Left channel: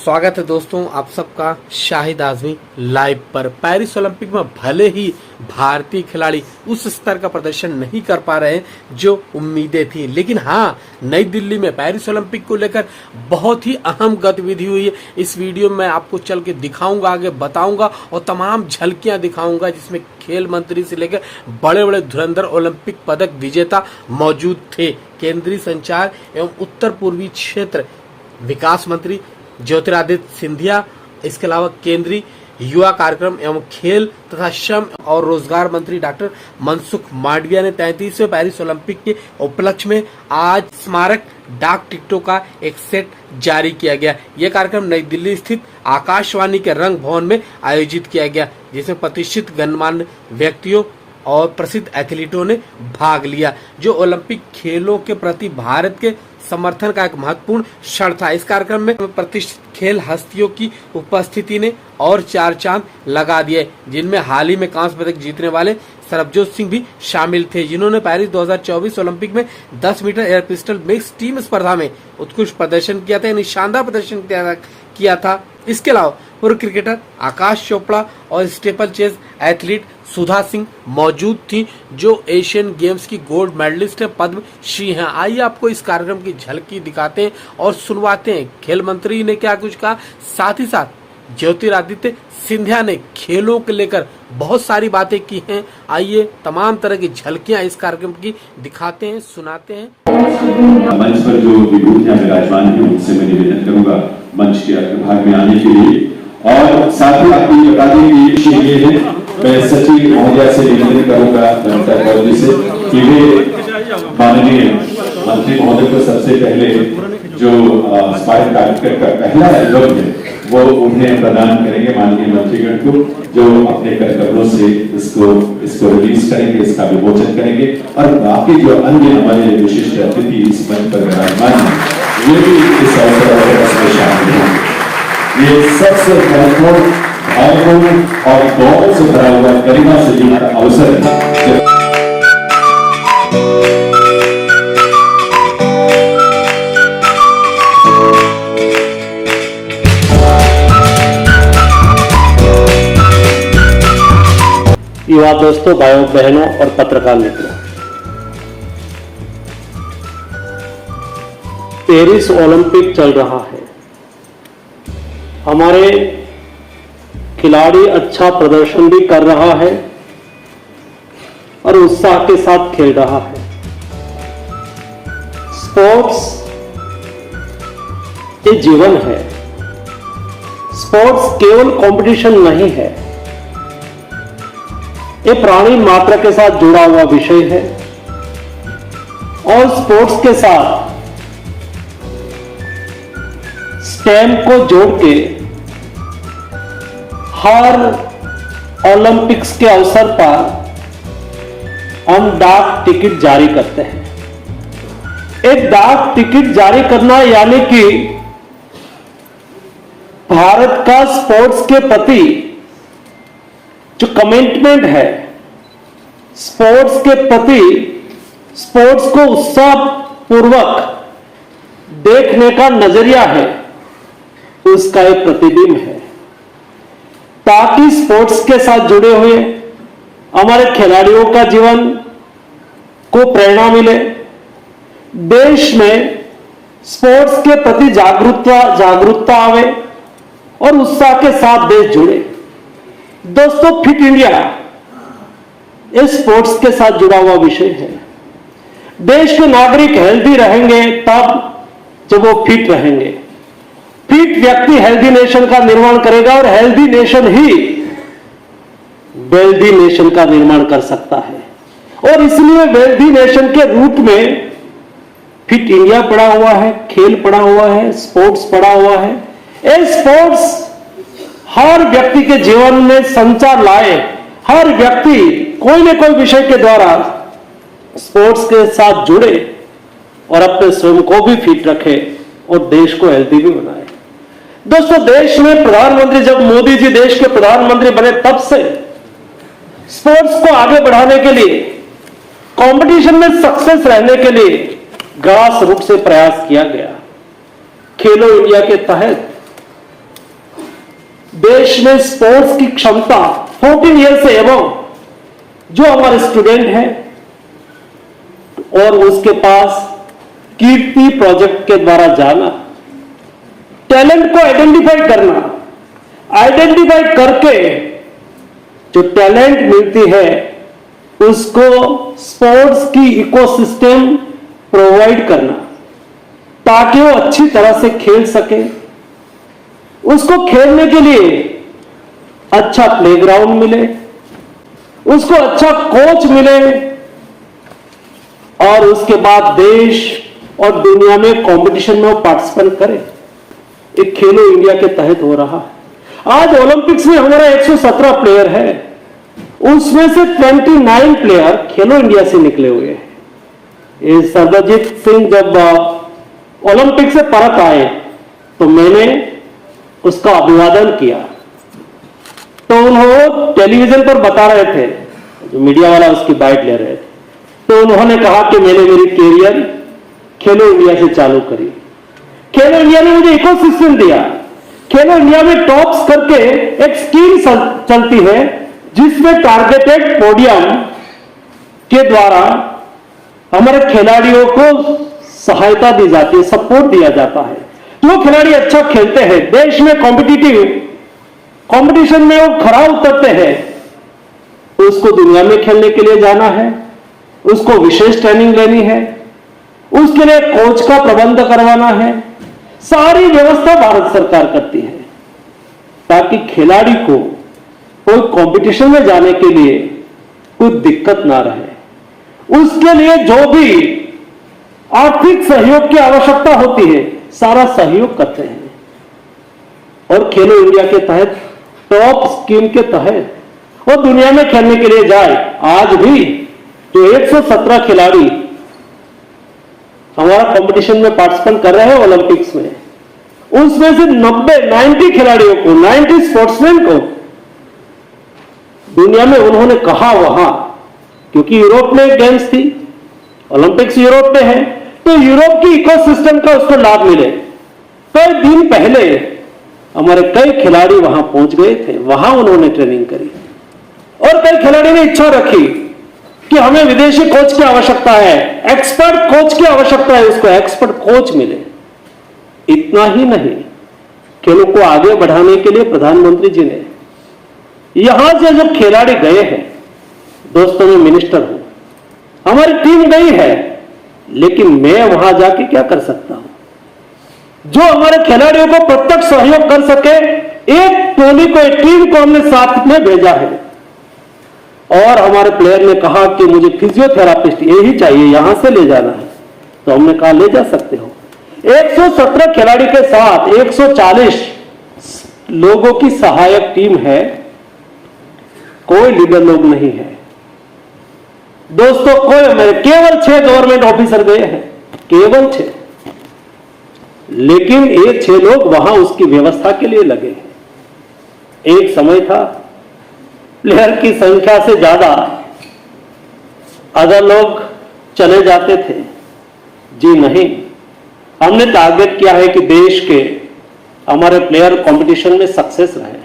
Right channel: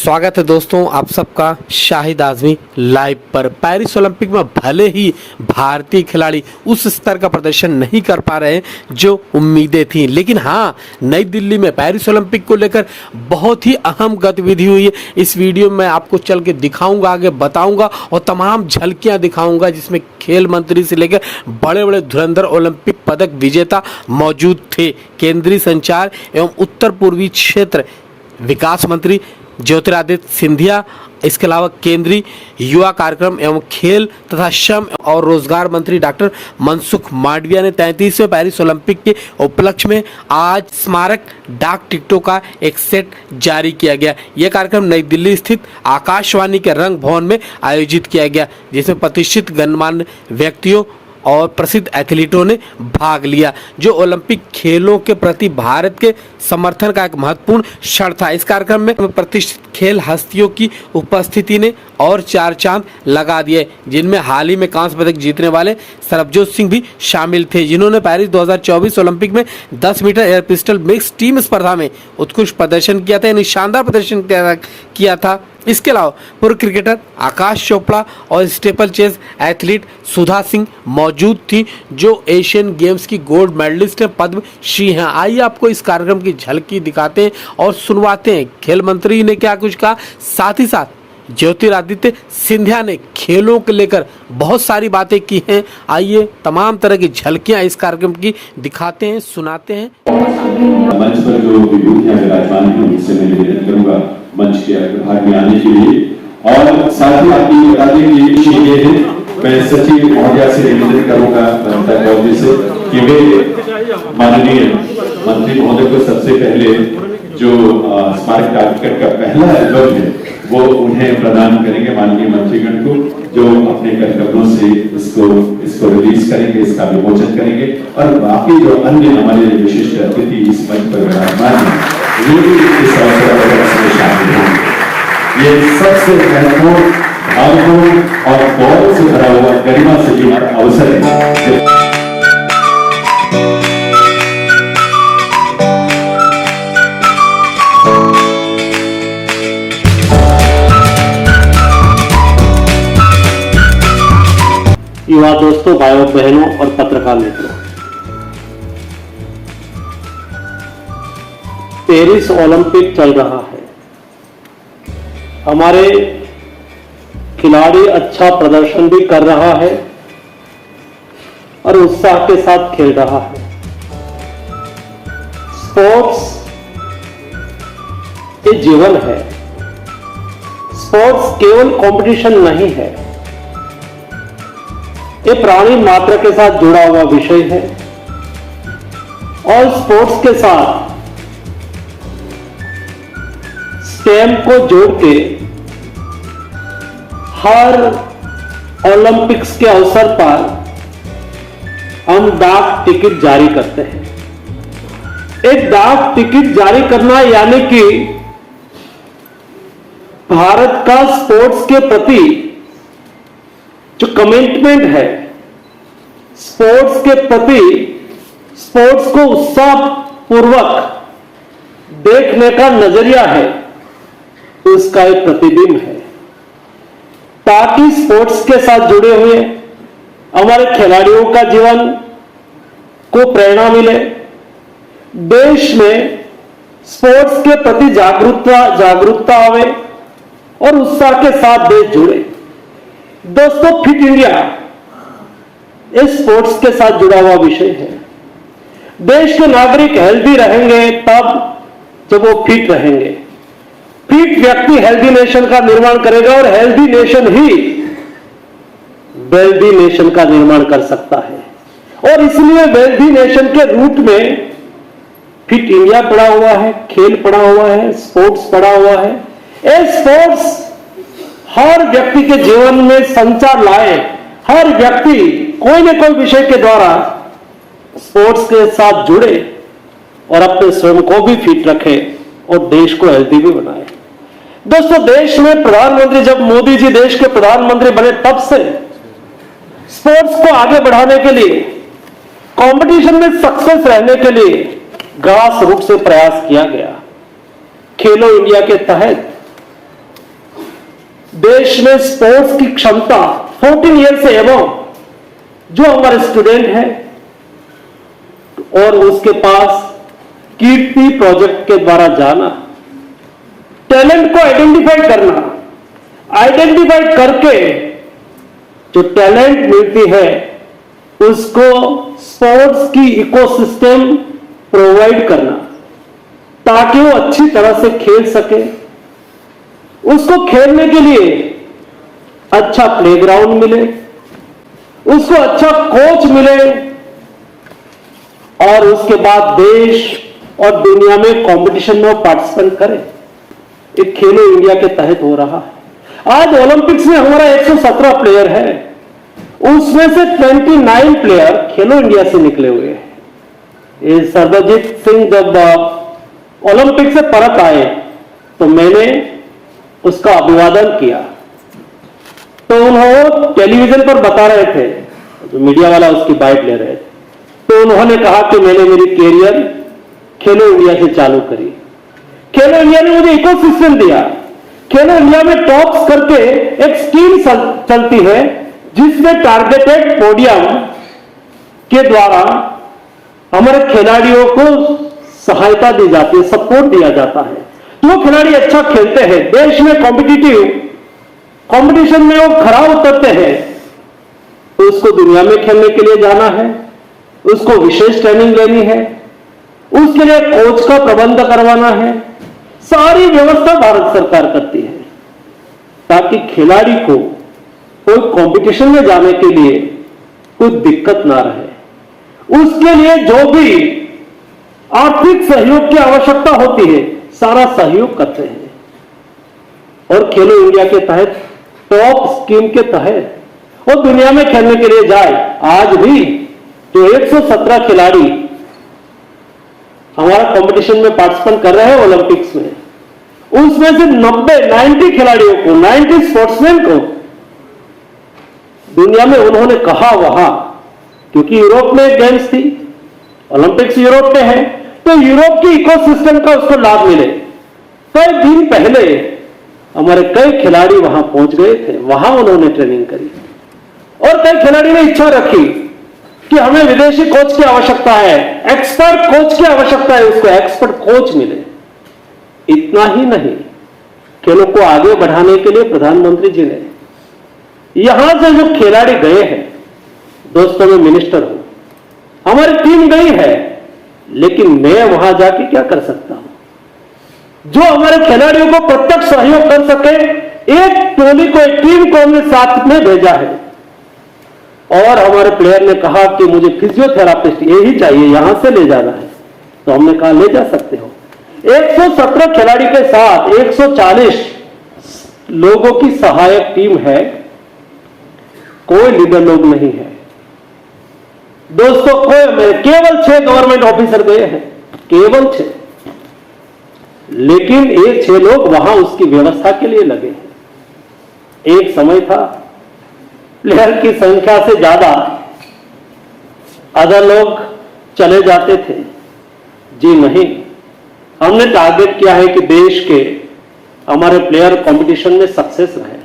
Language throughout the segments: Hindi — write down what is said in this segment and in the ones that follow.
स्वागत है दोस्तों आप सबका शाहिद आजमी लाइव पर। पेरिस ओलंपिक में भले ही भारतीय खिलाड़ी उस स्तर का प्रदर्शन नहीं कर पा रहे जो उम्मीदें थी, लेकिन हाँ, नई दिल्ली में पेरिस ओलंपिक को लेकर बहुत ही अहम गतिविधि हुई है। इस वीडियो में आपको चल के दिखाऊंगा, आगे बताऊंगा और तमाम झलकियां दिखाऊंगा जिसमें खेल मंत्री से लेकर बड़े बड़े धुरंधर ओलंपिक पदक विजेता मौजूद थे। केंद्रीय संचार एवं उत्तर पूर्वी क्षेत्र विकास मंत्री ज्योतिरादित्य सिंधिया, इसके अलावा केंद्रीय युवा कार्यक्रम एवं खेल तथा श्रम और रोजगार मंत्री डॉक्टर मनसुख मांडविया ने 33वें पेरिस ओलंपिक के उपलक्ष्य में आज स्मारक डाक टिकटों का एक सेट जारी किया गया। यह कार्यक्रम नई दिल्ली स्थित आकाशवाणी के रंग भवन में आयोजित किया गया, जिसमें प्रतिष्ठित गणमान्य व्यक्तियों और प्रसिद्ध एथलीटों ने भाग लिया, जो ओलंपिक खेलों के प्रति भारत के समर्थन का एक महत्वपूर्ण क्षण था। इस कार्यक्रम में प्रतिष्ठित खेल हस्तियों की उपस्थिति ने और चार चांद लगा दिए, जिनमें हाल ही में कांस्य पदक जीतने वाले सरबजोत सिंह भी शामिल थे, जिन्होंने पेरिस 2024 ओलंपिक में 10 metre air pistol mix team स्पर्धा में उत्कृष्ट प्रदर्शन किया था, यानी शानदार प्रदर्शन किया था। इसके अलावा पूर्व क्रिकेटर आकाश चोपड़ा और steeplechase athlete Sudha Singh मौजूद थी, जो एशियन गेम्स की गोल्ड मेडलिस्ट पद्म श्री हैं। आइए आपको इस कार्यक्रम की झलकी दिखाते हैं और सुनवाते हैं खेल मंत्री ने क्या कुछ कहा। साथ ही साथ ज्योतिरादित्य सिंधिया ने खेलों को लेकर बहुत सारी बातें की हैं। आइए तमाम तरह की झलकियां इस कार्यक्रम की दिखाते हैं, सुनाते हैं। मंच पर जो विभूति हैं विराजमान हैं, उनसे मैं निवेदन करूंगा मंच के भाग में आने के लिए। और साथ ही आपको बता दें कि ये है, मैं सचिव महोदय से निवेदन करूंगा जनता कॉलेज से कि वे माननीय मंत्री महोदय को सबसे पहले जो स्मारक डाक टिकट का पहला एल्बम है वो उन्हें प्रदान करेंगे, माननीय मंत्रीगण को, जो अपने कार्यक्रमों से इसको रिलीज करेंगे, इसका विमोचन करेंगे। और बाकी जो अन्य हमारे विशिष्ट अतिथि इस मंच पर विराजमान हैं, वे भी इस अवसर में शामिल होंगे। ये सबसे महत्वपूर्ण, भावपूर्ण और गौरव से भरा हुआ गरिमा से जुड़ा अवसर है। युवा दोस्तों, भाइयों बहनों और पत्रकार मित्रों, पेरिस ओलंपिक चल रहा है। हमारे खिलाड़ी अच्छा प्रदर्शन भी कर रहा है और उत्साह के साथ खेल रहा है। स्पोर्ट्स ये जीवन है। स्पोर्ट्स केवल कंपटीशन नहीं है, ये प्राणी मात्र के साथ जुड़ा हुआ विषय है। और स्पोर्ट्स के साथ स्टेम को जोड़ के हर ओलंपिक्स के अवसर पर हम डाक टिकट जारी करते हैं। एक डाक टिकट जारी करना यानी कि भारत का स्पोर्ट्स के प्रति जो कमिटमेंट है, स्पोर्ट्स के प्रति, स्पोर्ट्स को उत्साह पूर्वक देखने का नजरिया है, उसका एक प्रतिबिंब है, ताकि स्पोर्ट्स के साथ जुड़े हुए हमारे खिलाड़ियों का जीवन को प्रेरणा मिले, देश में स्पोर्ट्स के प्रति जागरूकता आवे और उत्साह के साथ देश जुड़े। दोस्तों, फिट इंडिया इस स्पोर्ट्स के साथ जुड़ा हुआ विषय है। देश के नागरिक हेल्दी रहेंगे तब जब वो फिट रहेंगे। फिट व्यक्ति हेल्दी नेशन का निर्माण करेगा और हेल्दी नेशन ही वेल्दी नेशन का निर्माण कर सकता है। और इसलिए वेल्दी नेशन के रूप में फिट इंडिया पड़ा हुआ है, खेल पड़ा हुआ है, स्पोर्ट्स पड़ा हुआ है। ये स्पोर्ट्स हर व्यक्ति के जीवन में संचार लाए, हर व्यक्ति कोई न कोई विषय के द्वारा स्पोर्ट्स के साथ जुड़े और अपने स्वयं को भी फिट रखे और देश को हेल्दी भी बनाए। दोस्तों, देश में प्रधानमंत्री, जब मोदी जी देश के प्रधानमंत्री बने तब से स्पोर्ट्स को आगे बढ़ाने के लिए, कंपटीशन में सक्सेस रहने के लिए ग्रास रूट से प्रयास किया गया। खेलो इंडिया के तहत देश में स्पोर्ट्स की क्षमता 14 ईयर से एवं जो हमारे स्टूडेंट हैं और उसके पास कीर्ति प्रोजेक्ट के द्वारा जाना, टैलेंट को आइडेंटिफाई करना, आइडेंटिफाई करके जो टैलेंट मिलती है उसको स्पोर्ट्स की इकोसिस्टम प्रोवाइड करना ताकि वो अच्छी तरह से खेल सके। उसको खेलने के लिए अच्छा प्लेग्राउंड मिले, उसको अच्छा कोच मिले और उसके बाद देश और दुनिया में कंपटीशन में वो पार्टिसिपेट करे। एक खेलो इंडिया के तहत हो रहा है। आज ओलंपिक्स में हमारा 117 प्लेयर है, उसमें से 29 प्लेयर खेलो इंडिया से निकले हुए हैं। ये सर्वजीत सिंह जब ओलंपिक से परत आए तो मैंने उसका अभिवादन किया, तो उन्होंने टेलीविजन पर बता रहे थे, जो मीडिया वाला उसकी बाइट ले रहे थे, तो उन्होंने कहा कि मैंने मेरी कैरियर खेलो इंडिया से चालू करी। खेलो इंडिया ने मुझे इकोसिस्टम दिया। खेलो इंडिया में टॉप्स करके एक स्कीम चलती है जिसमें टारगेटेड पोडियम के द्वारा हमारे खिलाड़ियों को सहायता दी जाती है, सपोर्ट दिया जाता है। जो खिलाड़ी अच्छा खेलते हैं, देश में कॉम्पिटिटिव कंपटीशन में वो खरा उतरते हैं, तो उसको दुनिया में खेलने के लिए जाना है, उसको विशेष ट्रेनिंग लेनी है, उसके लिए कोच का प्रबंध करवाना है। सारी व्यवस्था भारत सरकार करती है ताकि खिलाड़ी को कोई कंपटीशन में जाने के लिए कोई दिक्कत ना रहे। उसके लिए जो भी आर्थिक सहयोग की आवश्यकता होती है, सारा सहयोग करते हैं। और खेलो इंडिया के तहत, टॉप स्कीम के तहत वो दुनिया में खेलने के लिए जाए। आज भी जो 117 खिलाड़ी हमारा कंपटीशन में पार्टिसिपेट कर रहे हैं ओलंपिक्स में, उसमें से 90 खिलाड़ियों को, 90 स्पोर्ट्समैन को दुनिया में उन्होंने कहा वहां, क्योंकि यूरोप में गेम्स थी, ओलंपिक्स यूरोप में है, तो यूरोप की इकोसिस्टम का उसको लाभ मिले। कई दिन पहले हमारे कई खिलाड़ी वहां पहुंच गए थे, वहां उन्होंने ट्रेनिंग करी और कई खिलाड़ी ने इच्छा रखी कि हमें विदेशी कोच की आवश्यकता है, एक्सपर्ट कोच की आवश्यकता है, उसको एक्सपर्ट कोच मिले। इतना ही नहीं, खेलों को आगे बढ़ाने के लिए प्रधानमंत्री जी ने यहां से जो खिलाड़ी गए हैं, दोस्तों में मिनिस्टर हूं, हमारी टीम गई है, लेकिन मैं वहां जाके क्या कर सकता हूं? जो हमारे खिलाड़ियों को प्रत्यक्ष सहयोग कर सके, एक टोली को, एक टीम को हमने साथ में भेजा है। और हमारे प्लेयर ने कहा कि मुझे फिजियोथेरापिस्ट यही चाहिए, यहां से ले जाना है, तो हमने कहा ले जा सकते हो। 117 खिलाड़ी के साथ 140 लोगों की सहायक टीम है, कोई लीडर लोग नहीं है दोस्तों। कोई केवल 6 गवर्नमेंट ऑफिसर गए हैं, केवल 6, लेकिन ये 6 लोग वहां उसकी व्यवस्था के लिए लगे हैं। एक समय था प्लेयर की संख्या से ज्यादा अदर लोग चले जाते थे। जी नहीं, हमने टारगेट किया है कि देश के हमारे प्लेयर कंपटीशन में सक्सेस रहे,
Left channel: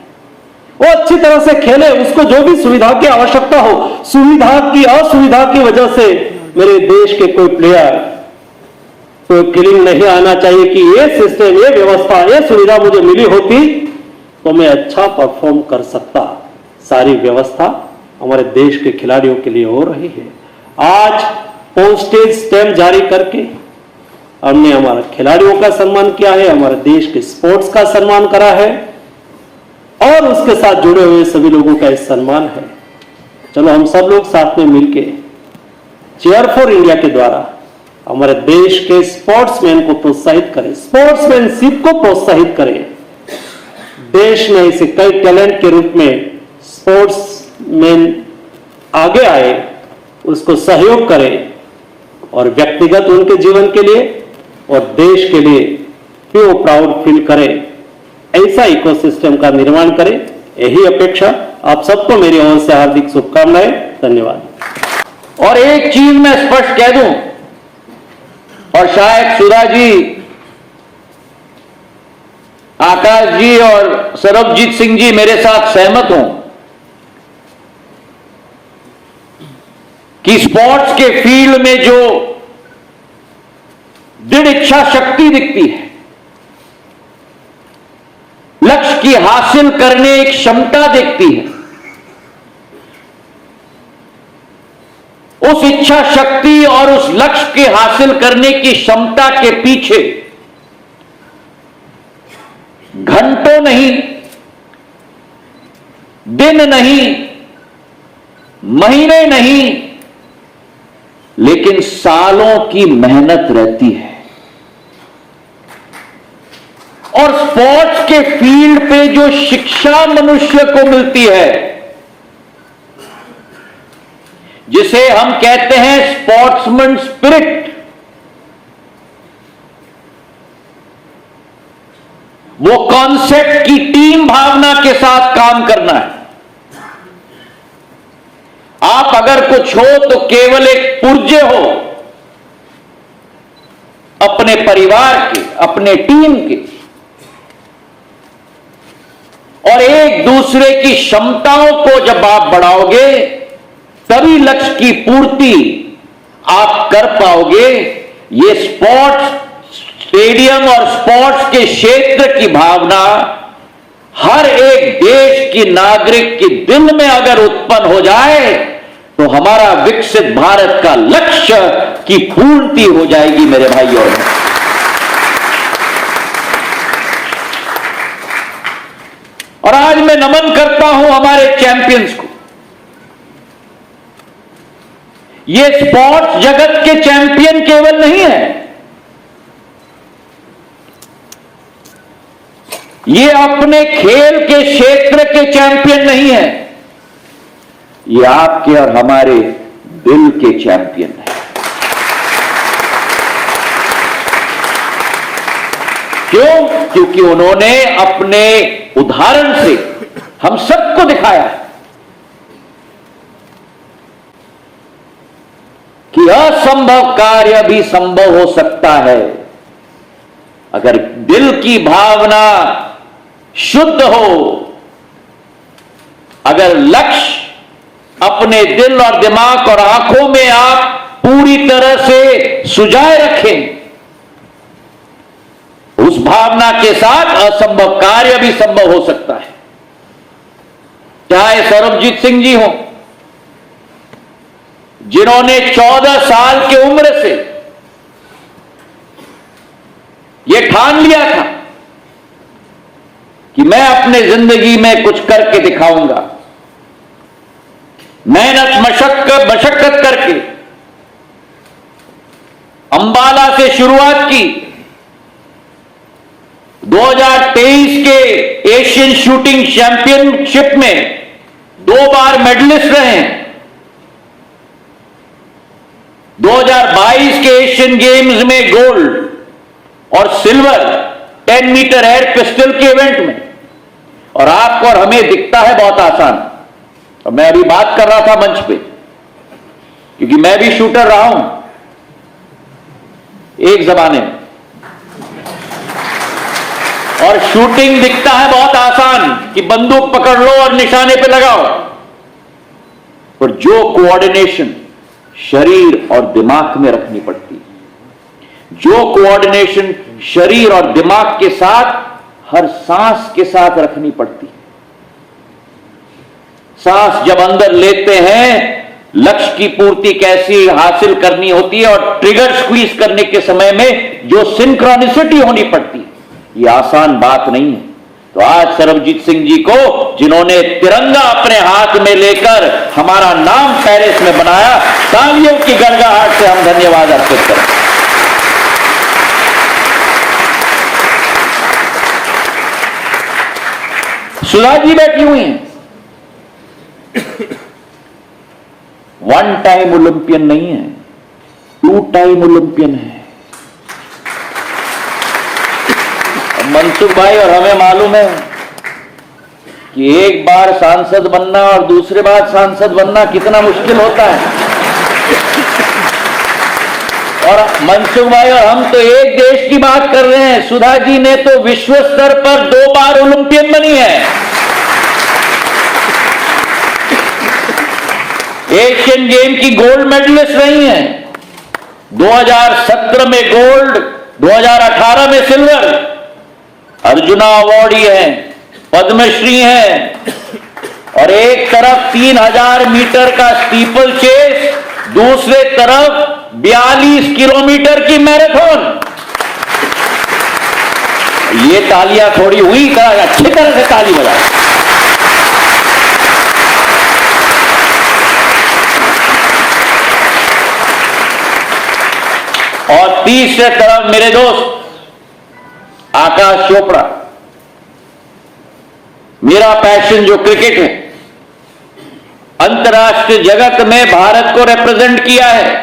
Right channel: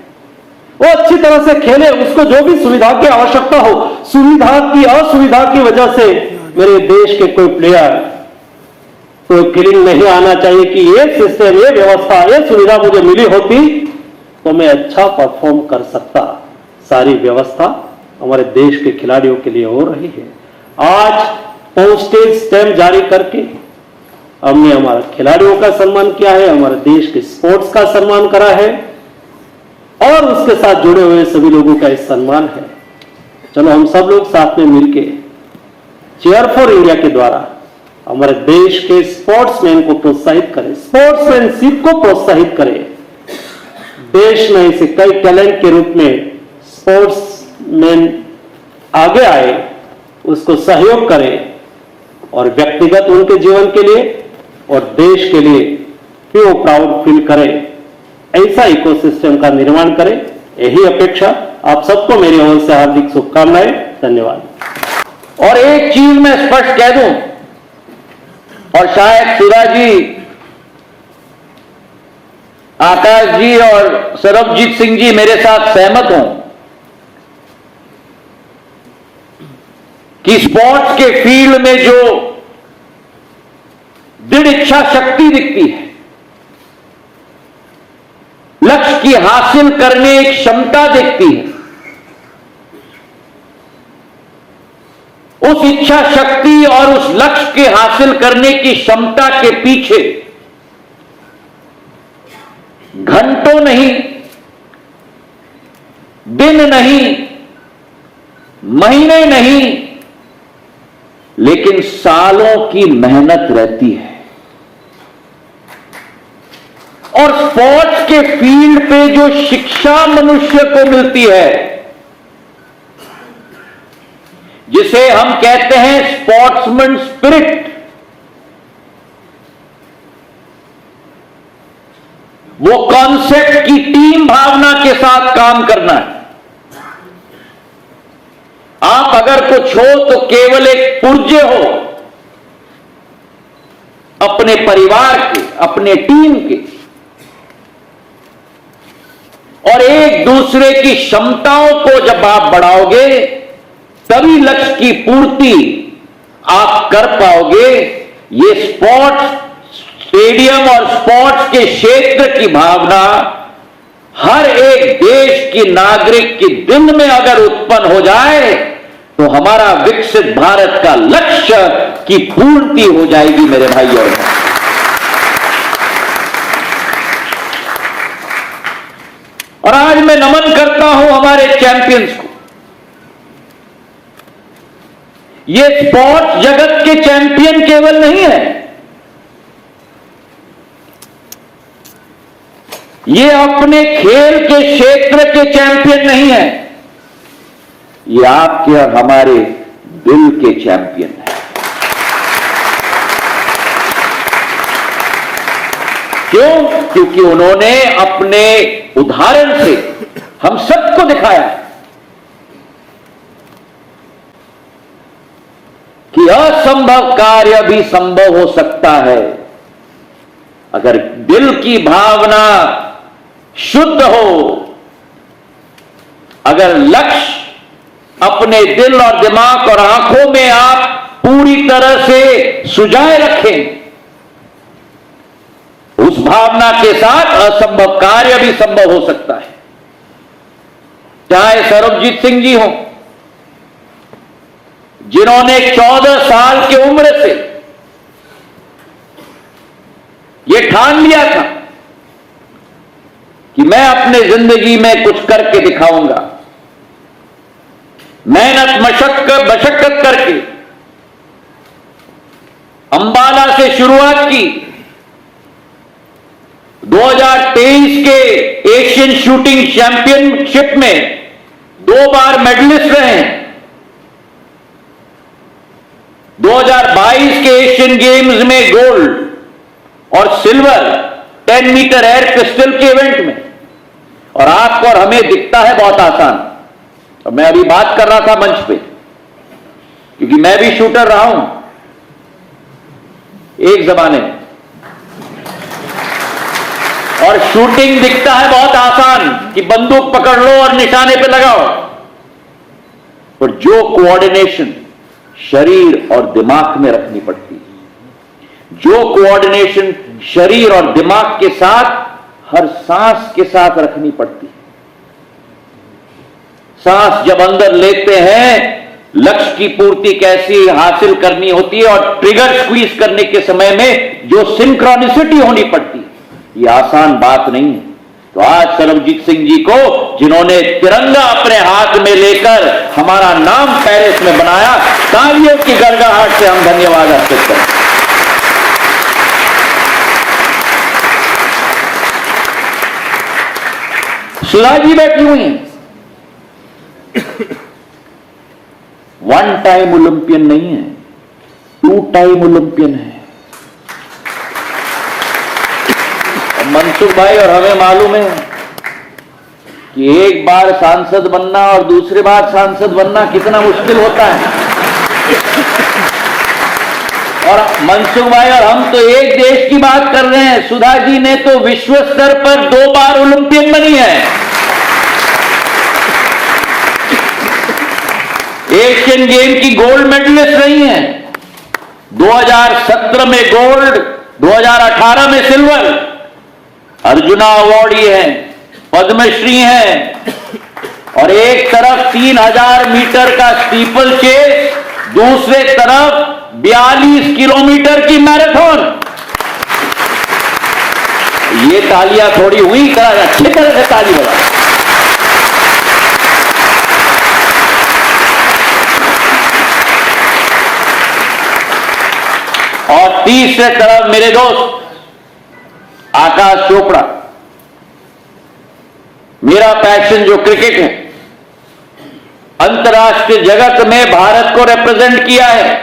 वो अच्छी तरह से खेले, उसको जो भी सुविधा की आवश्यकता हो, सुविधा की असुविधा की वजह से मेरे देश के कोई प्लेयर कोई फीलिंग नहीं आना चाहिए कि ये सिस्टम, ये व्यवस्था, ये सुविधा मुझे मिली होती तो मैं अच्छा परफॉर्म कर सकता। सारी व्यवस्था हमारे देश के खिलाड़ियों के लिए हो रही है। आज पोस्टेज स्टैंप जारी करके हमने हमारे खिलाड़ियों का सम्मान किया है, हमारे देश के स्पोर्ट्स का सम्मान करा है और उसके साथ जुड़े हुए सभी लोगों का इस सम्मान है। चलो हम सब लोग साथ में मिलके चेयर फॉर इंडिया के द्वारा हमारे देश के स्पोर्ट्समैन को प्रोत्साहित करें, स्पोर्ट्समैनशिप को प्रोत्साहित करें। देश में ऐसे कई टैलेंट के रूप में स्पोर्ट्समैन आगे आए, उसको सहयोग करें और व्यक्तिगत उनके जीवन के लिए और देश के लिए भी वो प्राउड फील करें। ऐसा इकोसिस्टम का निर्माण करें, यही अपेक्षा। आप सबको मेरी ओर से हार्दिक शुभकामनाएं। धन्यवाद। और एक चीज मैं स्पष्ट कह दूं, और शायद शिवाजी आकाश जी और सरबजीत सिंह जी मेरे साथ सहमत हों कि स्पोर्ट्स के फील्ड में जो दृढ़ इच्छा शक्ति दिखती है, लक्ष्य की हासिल करने की क्षमता दिखती है, उस इच्छा शक्ति और उस लक्ष्य के हासिल करने की क्षमता के पीछे घंटों नहीं, दिन नहीं, महीने नहीं, लेकिन सालों की मेहनत रहती है। और स्पोर्ट्स के फील्ड पे जो शिक्षा मनुष्य को मिलती है, जिसे हम कहते हैं स्पोर्ट्समैन स्पिरिट, वो कॉन्सेप्ट की टीम भावना के साथ काम करना है। आप अगर कुछ हो तो केवल एक पुर्जे हो अपने परिवार के, अपने टीम के, और एक दूसरे की क्षमताओं को जब आप बढ़ाओगे तभी लक्ष्य की पूर्ति आप कर पाओगे। ये स्पोर्ट्स स्टेडियम और स्पोर्ट्स के क्षेत्र की भावना हर एक देश की नागरिक के दिल में अगर उत्पन्न हो जाए तो हमारा विकसित भारत का लक्ष्य की पूर्ति हो जाएगी मेरे भाइयों। और आज मैं नमन करता हूं हमारे चैंपियंस को। ये स्पोर्ट्स जगत के चैंपियन केवल नहीं है, ये अपने खेल के क्षेत्र के चैंपियन नहीं है, ये आपके और हमारे दिल के चैंपियन है। क्यों? क्योंकि उन्होंने अपने उदाहरण से हम सबको दिखाया कि असंभव कार्य भी संभव हो सकता है अगर दिल की भावना शुद्ध हो, अगर लक्ष्य अपने दिल और दिमाग और आंखों में आप पूरी तरह से सुजाए रखें। उस भावना के साथ असंभव कार्य भी संभव हो सकता है। चाहे सरबजीत सिंह जी हो, जिन्होंने 14 साल की उम्र से यह ठान लिया था कि मैं अपने जिंदगी में कुछ करके दिखाऊंगा, मेहनत मशक्कत करके अंबाला से शुरुआत की। 2023 के एशियन शूटिंग चैंपियनशिप में 2 बार मेडलिस्ट रहे हैं। 2022 के एशियन गेम्स में गोल्ड और सिल्वर 10 मीटर एयर पिस्टल के इवेंट में। और आपको और हमें दिखता है बहुत आसान। और मैं अभी बात कर रहा था मंच पे, क्योंकि मैं भी शूटर रहा हूं एक जमाने में, और शूटिंग दिखता है बहुत आसान कि बंदूक पकड़ लो और निशाने पे लगाओ, पर जो कोऑर्डिनेशन शरीर और दिमाग में रखनी पड़ती है, जो कोऑर्डिनेशन शरीर और दिमाग के साथ हर सांस के साथ रखनी पड़ती है। सांस जब अंदर लेते हैं, लक्ष्य की पूर्ति कैसी हासिल करनी होती है और ट्रिगर स्क्वीज करने के समय में जो सिंक्रोनिसिटी होनी पड़ती है, ये आसान बात नहीं है। तो आज सरबजीत सिंह जी को, जिन्होंने तिरंगा अपने हाथ में लेकर हमारा नाम पेरिस में बनाया, तालियों की गड़गड़ाहट से हम धन्यवाद अर्पित करते हैं। सुधा जी बैठी हुई हैं, 1 टाइम ओलंपियन नहीं है, 2 टाइम ओलंपियन है। मनसुख भाई और हमें मालूम है कि एक बार सांसद बनना और दूसरे बार सांसद बनना कितना मुश्किल होता है। और मनसुख भाई और हम तो एक देश की बात कर रहे हैं। सुधा जी ने तो विश्व स्तर पर 2 बार ओलंपियन बनी है, एशियन गेम की गोल्ड मेडलिस्ट रही हैं, 2017 में गोल्ड, 2018 में सिल्वर, अर्जुना अवार्डी है, पद्मश्री है। और एक तरफ 3000 मीटर का स्टीपल चेस, दूसरे तरफ 42 किलोमीटर की मैराथन। ये तालियां थोड़ी हुई, अच्छी तरह से ताली बजा। और तीसरे तरफ मेरे दोस्त आकाश चोपड़ा, मेरा पैशन जो क्रिकेट है, अंतर्राष्ट्रीय जगत में भारत को रिप्रेजेंट किया है,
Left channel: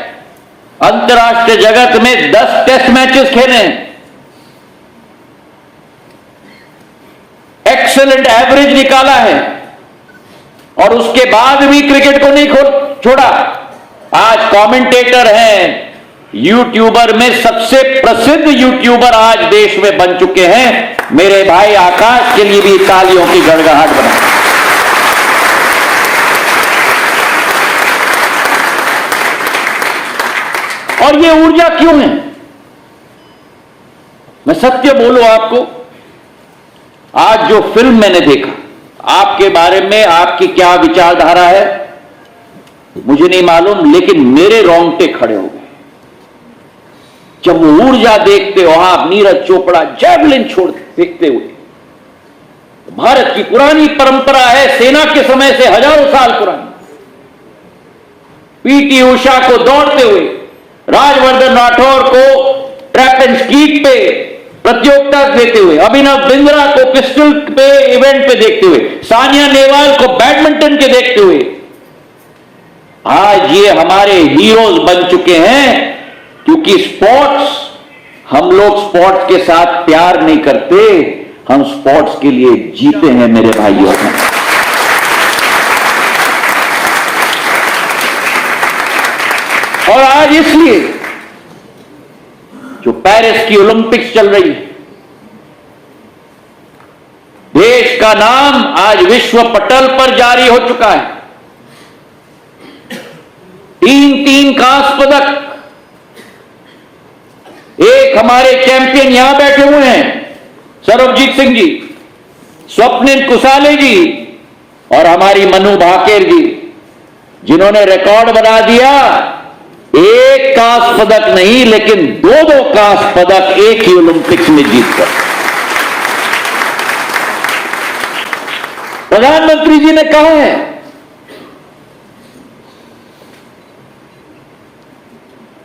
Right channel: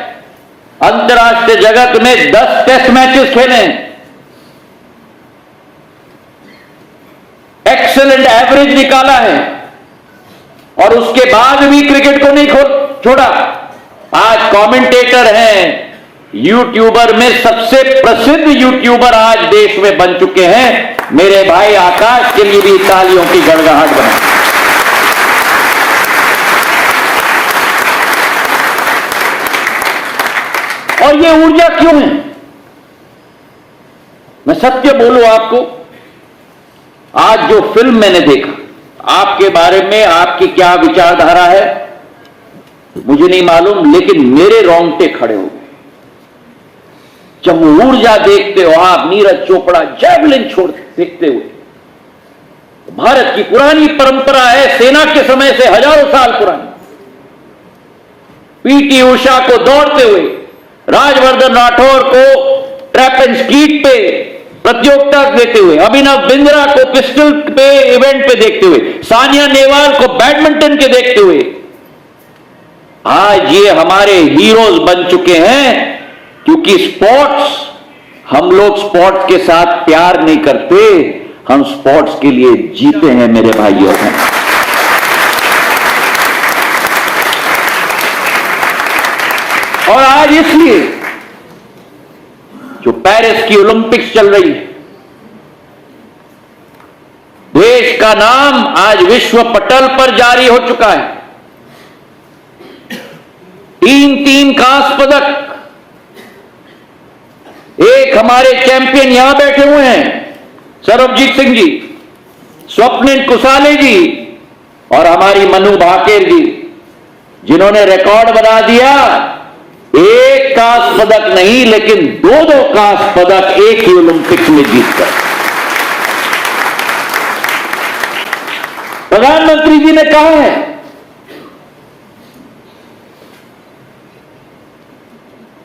अंतर्राष्ट्रीय जगत में 10 टेस्ट मैचेस खेले हैं, एक्सेलेंट एवरेज निकाला है, और उसके बाद भी क्रिकेट को नहीं छोड़ा। आज कमेंटेटर हैं, यूट्यूबर में सबसे प्रसिद्ध यूट्यूबर आज देश में बन चुके हैं। मेरे भाई आकाश के लिए भी तालियों की गड़गड़ाहट बने। और ये ऊर्जा क्यों है? मैं सत्य बोलूं आपको, आज जो फिल्म मैंने देखा, आपके बारे में आपकी क्या विचारधारा है मुझे नहीं मालूम, लेकिन मेरे रोंगटे खड़े हो गए जब वो ऊर्जा देखते हो आप। नीरज चोपड़ा जैवलिन छोड़ देखते हुए, भारत की पुरानी परंपरा है, सेना के समय से हजारों साल पुरानी। पीटी उषा को दौड़ते हुए, राजवर्धन राठौर को ट्रैप एंड स्ट्रीट पे प्रतियोगिता देते हुए, अभिनव बिंद्रा को पिस्टल पे इवेंट पे देखते हुए, सानिया नेहवाल को बैडमिंटन के देखते हुए, आज ये हमारे हीरोज बन चुके हैं। क्योंकि स्पोर्ट्स, हम लोग स्पोर्ट्स के साथ प्यार नहीं करते, हम स्पोर्ट्स के लिए जीते हैं मेरे भाइयों। और आज इसलिए जो पेरिस की ओलंपिक्स चल रही है, देश का नाम आज विश्व पटल पर जारी हो चुका है। 3 कांस्य पदक, एक हमारे चैंपियन यहां बैठे हुए हैं, सरबजीत सिंह जी, स्वप्निल कुसाले जी, और हमारी मनु भाकेर जी, जिन्होंने रिकॉर्ड बना दिया। एक कांस्य पदक नहीं, लेकिन 2 कांस्य पदक एक ही ओलंपिक्स में जीतकर। प्रधानमंत्री जी ने कहा है,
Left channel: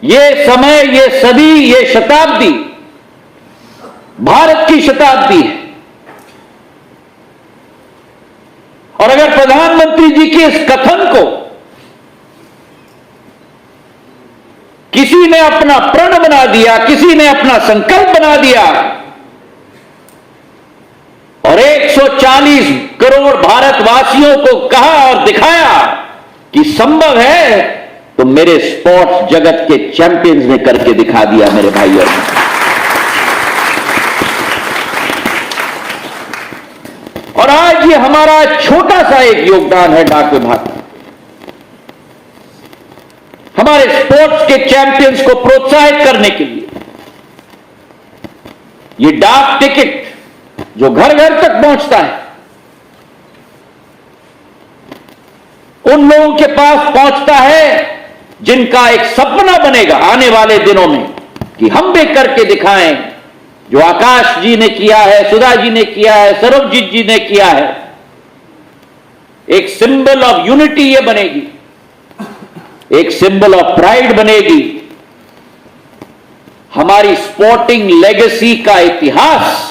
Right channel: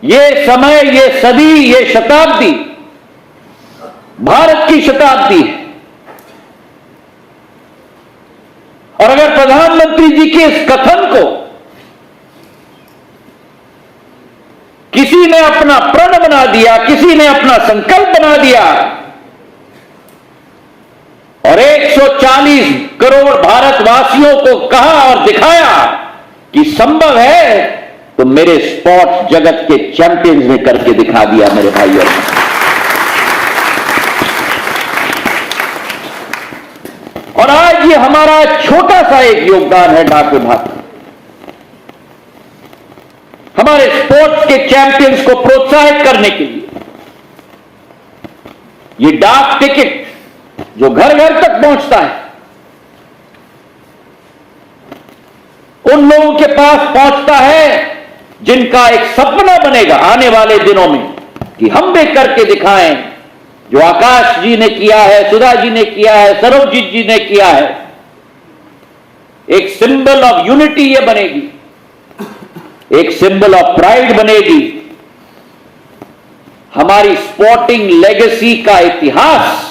ये समय, ये सदी, ये शताब्दी भारत की शताब्दी है। और अगर प्रधानमंत्री जी के इस कथन को किसी ने अपना प्रण बना दिया, किसी ने अपना संकल्प बना दिया, और 140 करोड़ भारतवासियों को कहा और दिखाया कि संभव है, तो मेरे स्पोर्ट्स जगत के चैंपियंस ने करके दिखा दिया मेरे भाइयों। और आज ये हमारा छोटा सा एक योगदान है डाक विभाग का, हमारे स्पोर्ट्स के चैंपियंस को प्रोत्साहित करने के लिए। ये डाक टिकट जो घर घर तक पहुंचता है, उन लोगों के पास पहुंचता है जिनका एक सपना बनेगा आने वाले दिनों में कि हम भी करके दिखाएं, जो आकाश जी ने किया है, सुधा जी ने किया है, सरबजीत जी ने किया है। एक सिंबल ऑफ यूनिटी ये बनेगी, एक सिंबल ऑफ प्राइड बनेगी। हमारी स्पोर्टिंग लेगेसी का इतिहास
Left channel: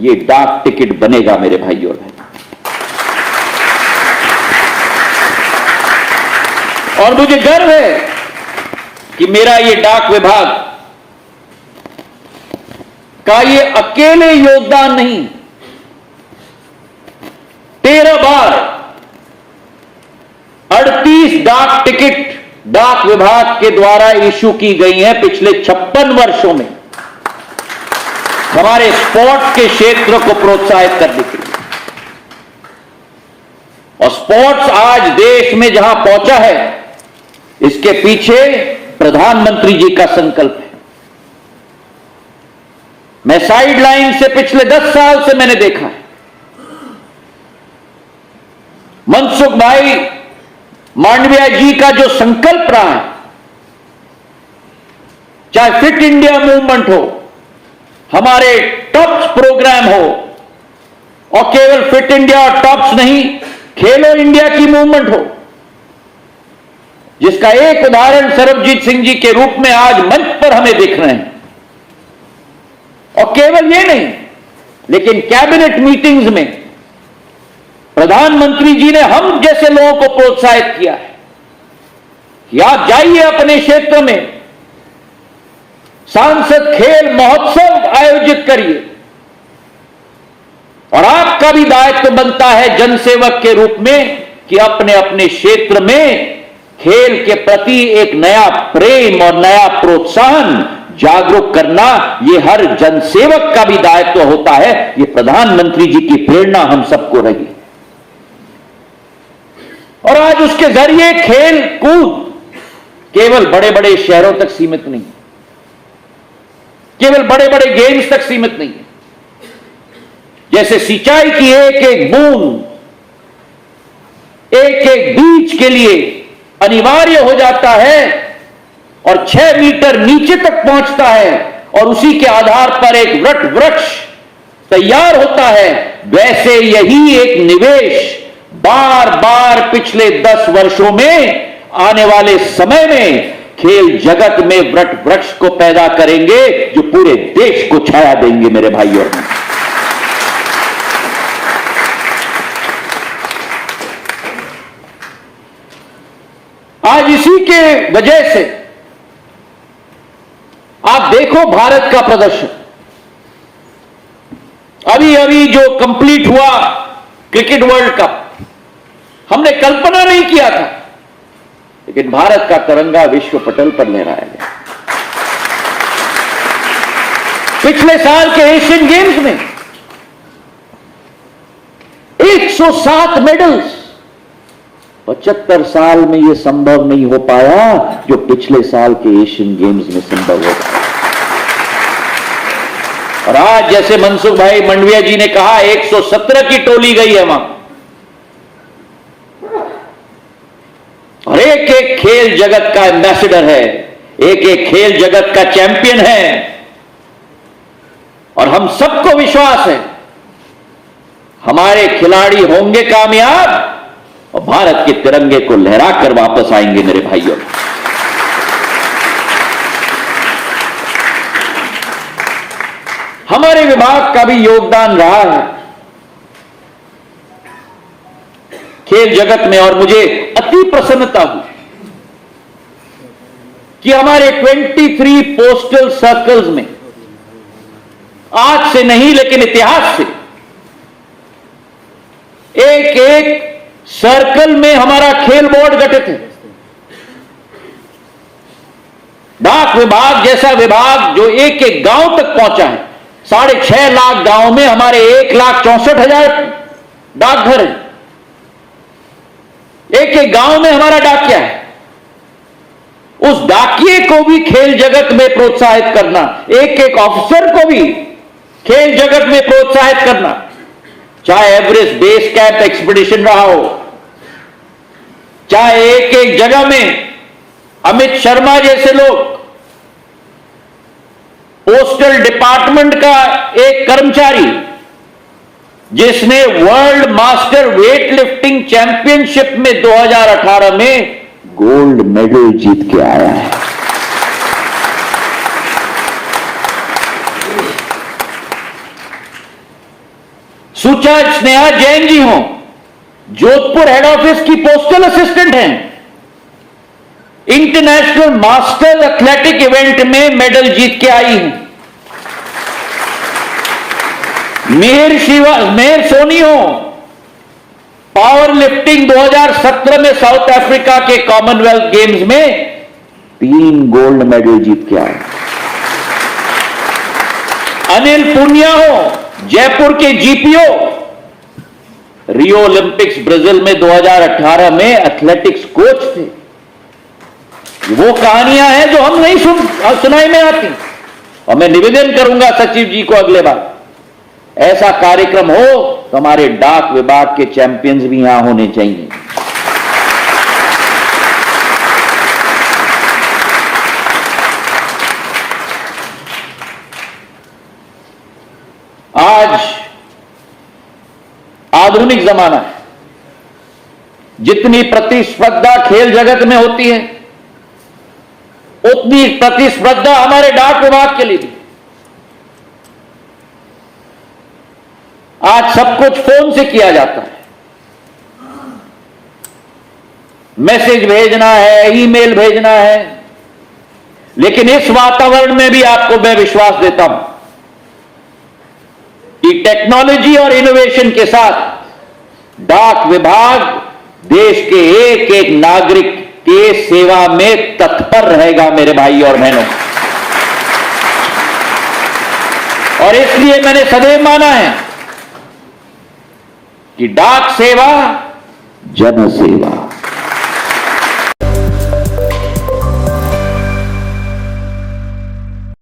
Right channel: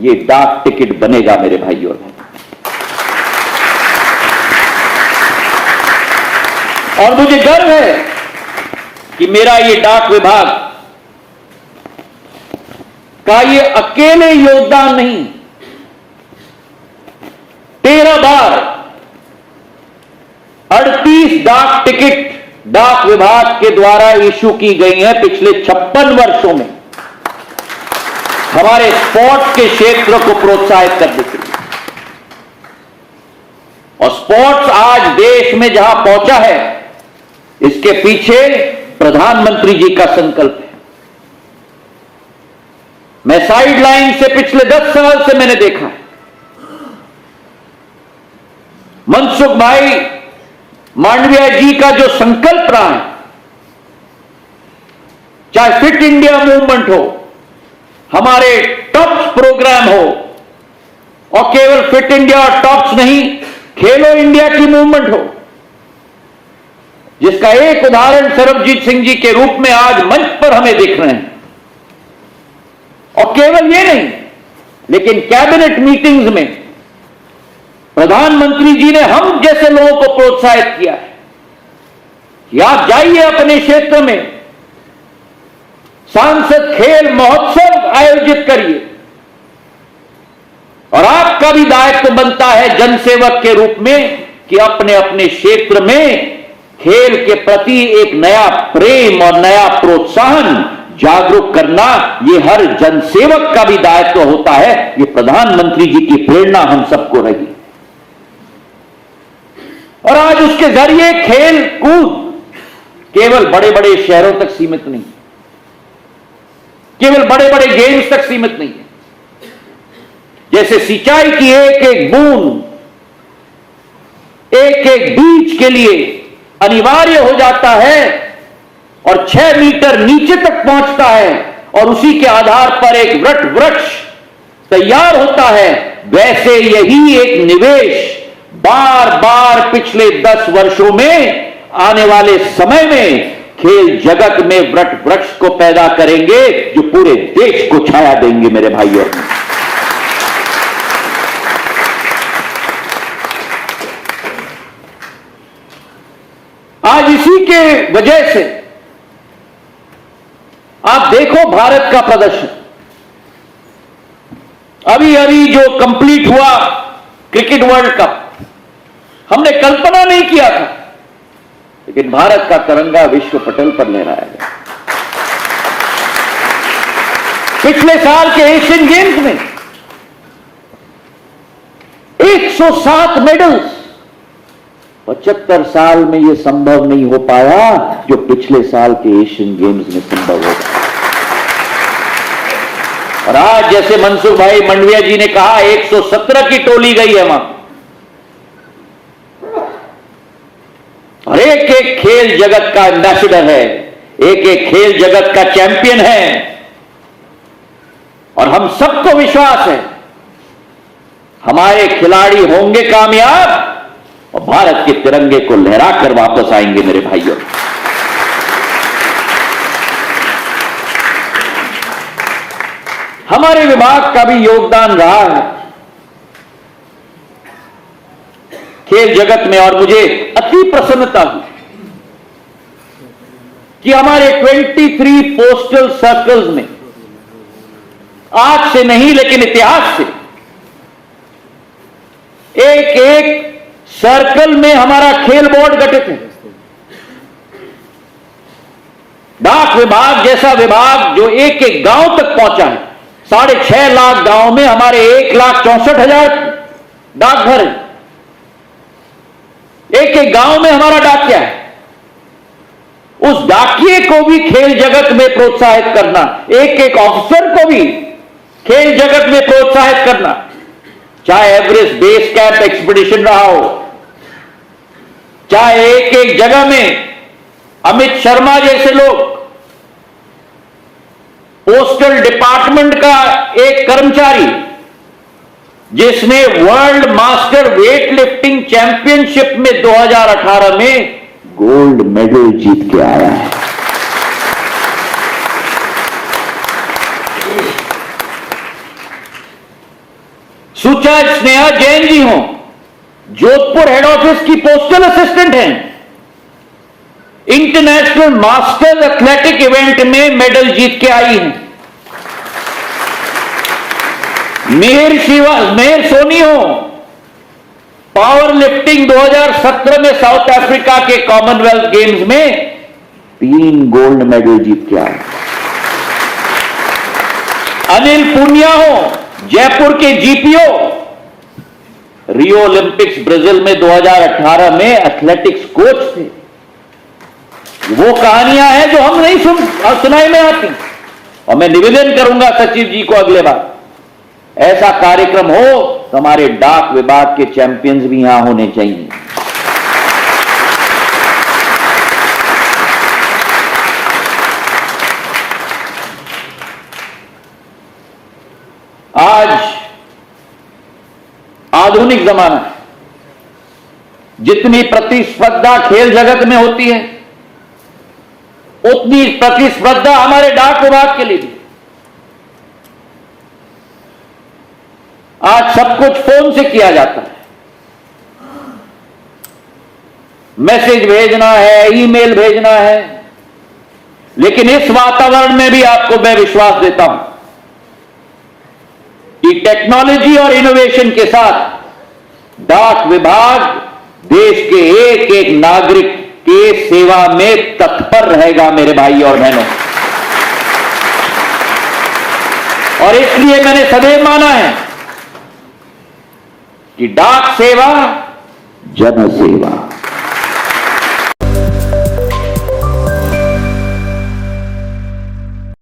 ये डाक टिकट बनेगा मेरे भाइयों। और मुझे गर्व है कि मेरा ये डाक विभाग का ये अकेले योगदान नहीं, 13 बार 38 डाक टिकट डाक विभाग के द्वारा इशू की गई हैं पिछले 56 वर्षों में हमारे स्पोर्ट्स के क्षेत्र को प्रोत्साहित करने के लिए। और स्पोर्ट्स आज देश में जहां पहुंचा है, इसके पीछे प्रधानमंत्री जी का संकल्प है। मैं साइड लाइन से पिछले 10 साल से मैंने देखा है, मनसुख भाई मांडविया जी का जो संकल्प रहा है, चाहे फिट इंडिया मूवमेंट हो, हमारे टॉप्स प्रोग्राम हो, और केवल फिट इंडिया और टॉप्स नहीं, खेलो इंडिया की मूवमेंट हो, जिसका एक उदाहरण सरबजीत सिंह जी के रूप में आज मंच पर हमें दिख रहे हैं। और केवल ये नहीं, लेकिन कैबिनेट मीटिंग्स में प्रधानमंत्री जी ने हम जैसे लोगों को प्रोत्साहित किया है कि आप जाइए अपने क्षेत्र में, सांसद खेल महोत्सव आयोजित करिए, और आपका भी दायित्व बनता है जनसेवक के रूप में कि अपने अपने क्षेत्र में खेल के प्रति एक नया प्रेम और नया प्रोत्साहन जागरूक करना, यह हर जनसेवक का भी दायित्व होता है। यह प्रधानमंत्री जी की प्रेरणा हम सबको रही, और आज उसके जरिए खेल कूद केवल बड़े बड़े शहरों तक सीमित नहीं, केवल बड़े बड़े गेम्स तक सीमित नहीं है। जैसे सिंचाई की एक एक बूंद, एक एक बीज के लिए अनिवार्य हो जाता है और 6 मीटर नीचे तक पहुंचता है, और उसी के आधार पर एक वट वृक्ष तैयार होता है, वैसे यही एक निवेश बार बार पिछले 10 वर्षों में आने वाले समय में खेल जगत में वट वृक्ष को पैदा करेंगे, जो पूरे देश को छाया देंगे। मेरे भाइयों, आज इसी के वजह से आप देखो भारत का प्रदर्शन, अभी अभी जो कंप्लीट हुआ क्रिकेट वर्ल्ड कप, हमने कल्पना नहीं किया था, लेकिन भारत का तिरंगा विश्व पटल पर लहराया गया। पिछले साल के एशियन गेम्स में 107 मेडल्स, 75 साल में यह संभव नहीं हो पाया जो पिछले साल के एशियन गेम्स में संभव हो पाया। और आज जैसे मनसुख भाई मंडविया जी ने कहा, 117 की टोली गई है वहां, और एक एक खेल जगत का एम्बेसडर है, एक एक खेल जगत का चैंपियन है, और हम सबको विश्वास है हमारे खिलाड़ी होंगे कामयाब और भारत के तिरंगे को लहरा कर वापस आएंगे। मेरे भाइयों, हमारे विभाग का भी योगदान रहा है खेल जगत में, और मुझे अति प्रसन्नता हुई कि हमारे 23 पोस्टल सर्कल्स में आज से नहीं लेकिन इतिहास से एक एक सर्कल में हमारा खेल बोर्ड गठित है। डाक विभाग जैसा विभाग जो एक एक गांव तक पहुंचा है, 6.5 लाख गांव में हमारे 1,64,000 डाकघर है, एक एक गांव में हमारा डाकिया है। उस डाकिए को भी खेल जगत में प्रोत्साहित करना, एक एक ऑफिसर को भी खेल जगत में प्रोत्साहित करना, चाहे एवरेस्ट बेस कैंप एक्सपीडिशन रहा हो, चाहे एक एक जगह में अमित शर्मा जैसे लोग, पोस्टल डिपार्टमेंट का एक कर्मचारी जिसने world master weight lifting championship में 2018 में गोल्ड मेडल जीत के आया है। सुचा स्नेहा जैन जी हो, जोधपुर हेड ऑफिस की पोस्टल असिस्टेंट हैं, इंटरनेशनल मास्टर्स एथलेटिक इवेंट में मेडल जीत के आई हैं। मेहर सोनी हो, पावर लिफ्टिंग 2017 में साउथ अफ्रीका के कॉमनवेल्थ गेम्स में 3 गोल्ड मेडल जीत के आए। अनिल पुनिया हो, जयपुर के जीपीओ, रियो ओलंपिक्स ब्राजील में 2018 में एथलेटिक्स कोच थे। वो कहानियां हैं जो हम नहीं सुनाई में आती। और मैं निवेदन करूंगा सचिव जी को, अगले बार ऐसा कार्यक्रम हो तो हमारे डाक विभाग के चैंपियंस भी यहां होने चाहिए। आज आधुनिक जमाना है, जितनी प्रतिस्पर्धा खेल जगत में होती है उतनी प्रतिस्पर्धा हमारे डाक विभाग के लिए भी। आज सब कुछ फोन से किया जाता है, मैसेज भेजना है, ईमेल भेजना है, लेकिन इस वातावरण में भी आपको मैं विश्वास देता हूं कि टेक्नोलॉजी और इनोवेशन के साथ डाक विभाग देश के एक एक नागरिक के सेवा में तत्पर रहेगा मेरे भाई और बहनों। और इसलिए मैंने सदैव माना है कि डाक सेवा जन सेवा।